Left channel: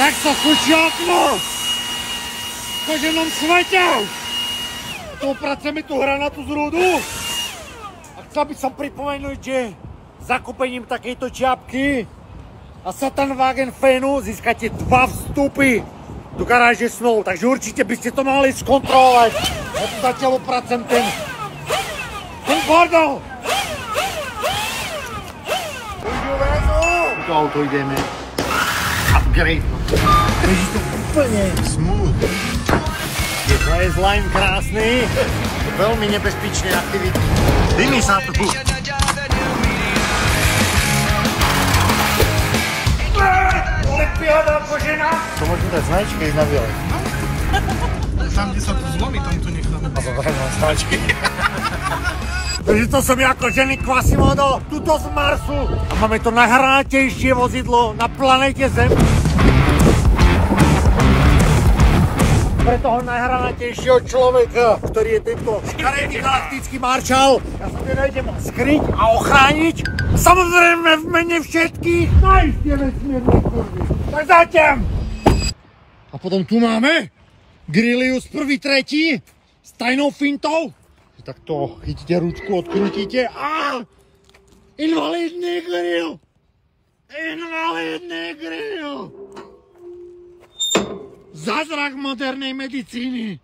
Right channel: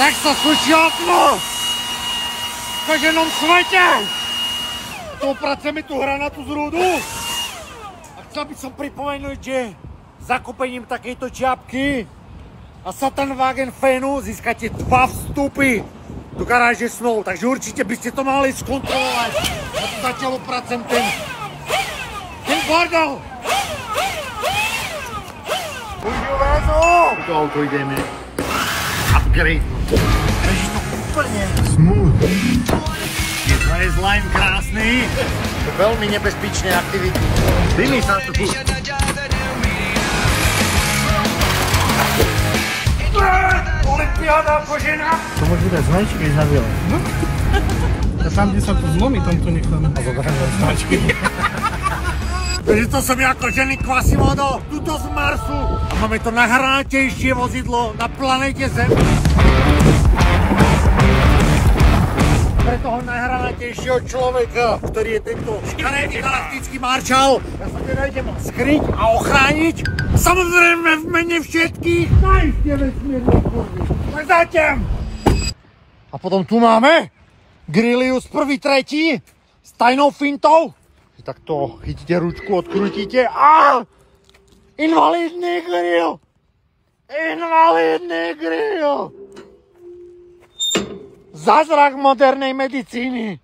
Tak sa slučí okno! V každom svete! Uprace mi tu hranatu z rúdu. A chcel by som pripomenúť, že zakúpením takejto čiapky a Satan Wagen Fanu získate 2 vstupy do garáže snov. Takže určite by ste to mali skontrolovať. Ja tu zatiaľ upracem ten bordel. Užiu väzu! To auto ideme upgrade. Beží to úplne smooth. To je slime krásny. To veľmi nebezpečné aktivity. Dymí sa tu. Olympiáda kožená. To môže dať značky na biele. No. Tam, kde sa to zlomí, tam to necháme. Značky. Takže to som ja kožený Quasimodo, tuto z Marsu. A máme to najhranatejšie vozidlo na planéte Zem. Pre toho najhranatejšieho človeka, ktorý je tento škaredý galaktický maršal. Ja sa teda idem skryť a ochrániť. Samozrejme v mene všetkých najistie vesmírnych kurví. Tak zatím! A potom tu máme Grilius 1.3. s tajnou fintou. Takto chytíte ručku, odkrútíte a invalidný grill! Invalidný grill! Zázrak modernej medicíny.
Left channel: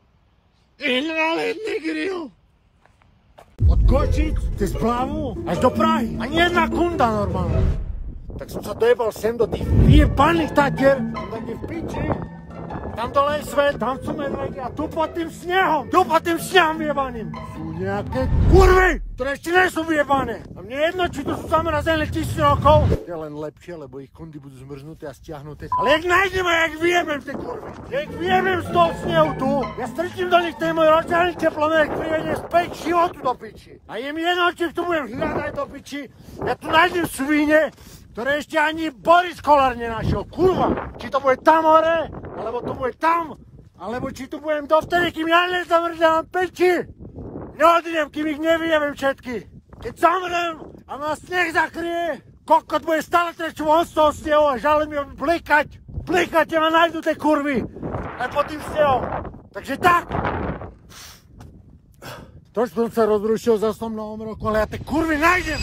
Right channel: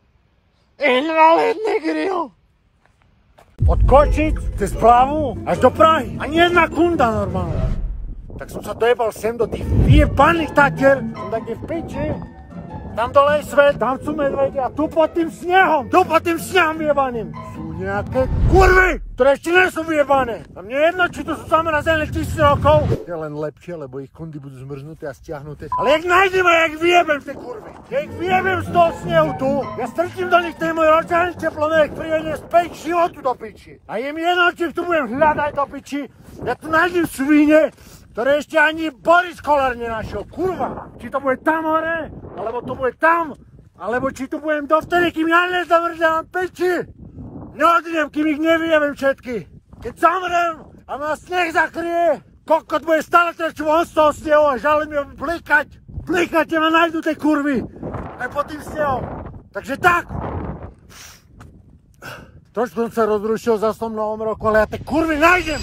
Invalidný grill. Od Košic cez Plavu až do Prahy. Ani jedna kunda normálne. Tak som sa dojebal sem do tých vyjebaných Tatier. Som tak v piči. Tam dole je svet, tam sú medvede a tu pod tým snehom vyjebaným sú nejaké kurvy, ktoré ešte nie sú vyjebané. A mne jedno, či to sú zamrazené 1000 rokov. Je len lepšie, lebo ich kundy budú zmrznuté a stiahnuté. Ale jak nájdeme, jak vyjebem tie kurvy. Jak vyjebem z toho snehu tu, ja strčím do nich ten môj očaný teplomérek, príjede späť životu do piči. A je mi jedno, či tu budem hľadať do piči. Ja tu nájdem svine, ktoré ešte ani Boris Kolár nenašiel. Kurva, či to bude tam hore, alebo to bude tam, alebo či tu budem dovtedy, kým ja nezamrzám peči. Neodidem, kým ich nevyjebem všetky. Keď zamrem a ma sneh zakrie, kokot bude stále trčť von z toho snehu a žalé mi blikať. Blikate ma nájdu tie kurvy. Aj pod tým snehom. Takže tak. Trošku som sa rozrušil za som novom roku, ale ja tie kurvy nájdem.